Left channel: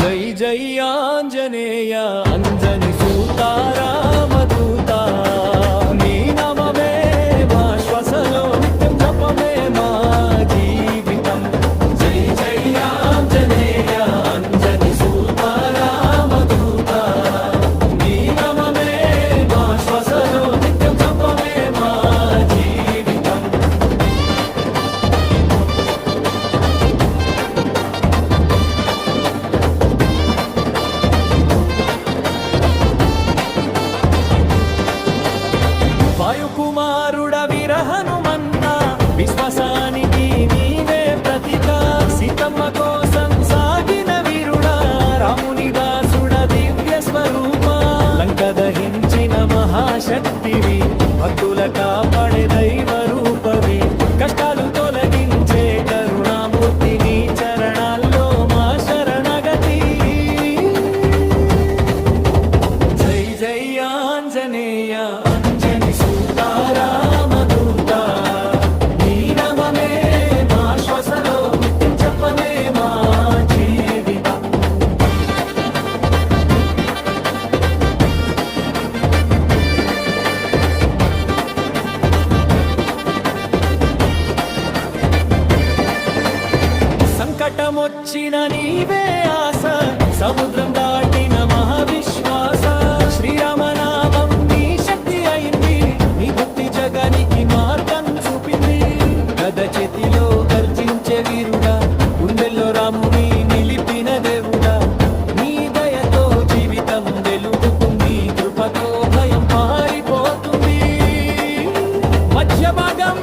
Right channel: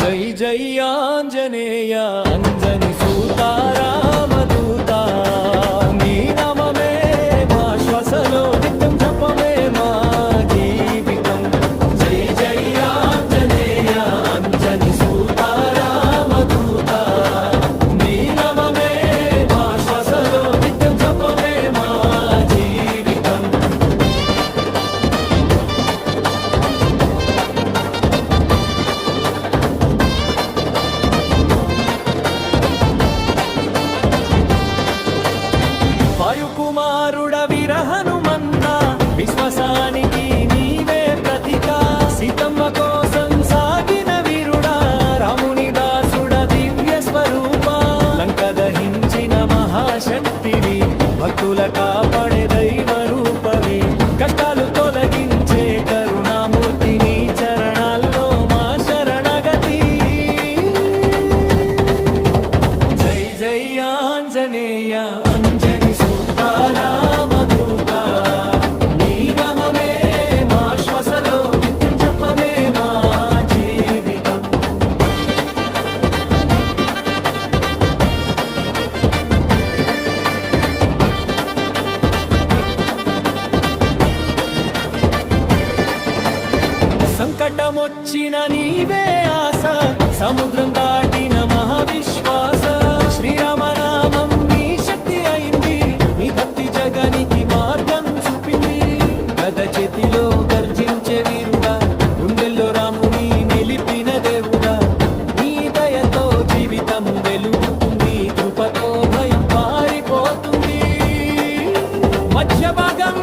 జై జై ఆంజనేయ అంజని సూతా రామదూత నీ నామమే మా శ్వాసలో నిత్యం జపమే మా జీవితం. జై జై ఆంజనేయ అంజని సూతా రామదూత నీ నామమే మా శ్వాసలో నిత్యం జపమే మా జీవితం. వాయుకుమారుడ విరహనుమంత విశ్వాసానికి నీవే ప్రతిక. సీతమ్మ కోసం సాగిన వీరుడా రాముని దాసుడ దివ్య స్వరూప. లంక దహించిన మహాశక్తివి భక్తుల కాపాడే దైవ రూపవి. కష్టాలు తొలగించే కరుణామూర్తి నీ చరణాల్లో మా శరణగతి. జై జై ఆంజనేయ అంజని సూతా రామదూత నీ నామమే మా శ్వాసలో నిత్యం జపమే మా జీవితం. సంకటమొచ్చిన నీవే ఆశ సముద్రం దాటిన మహావిశ్వాస. శ్రీరామనామం నీ శక్తి అయింది నీ భక్తి జగనికి మార్గం చూపింది. గద చేతిలో గర్జించే వీరుడా గుండెల్లో రాముని నిలిపిన దేవుడా. నీ దయతో జీవితం వెలుగుతుంది కృపతో భయం పారిపోతుంది. మధ్య భాగం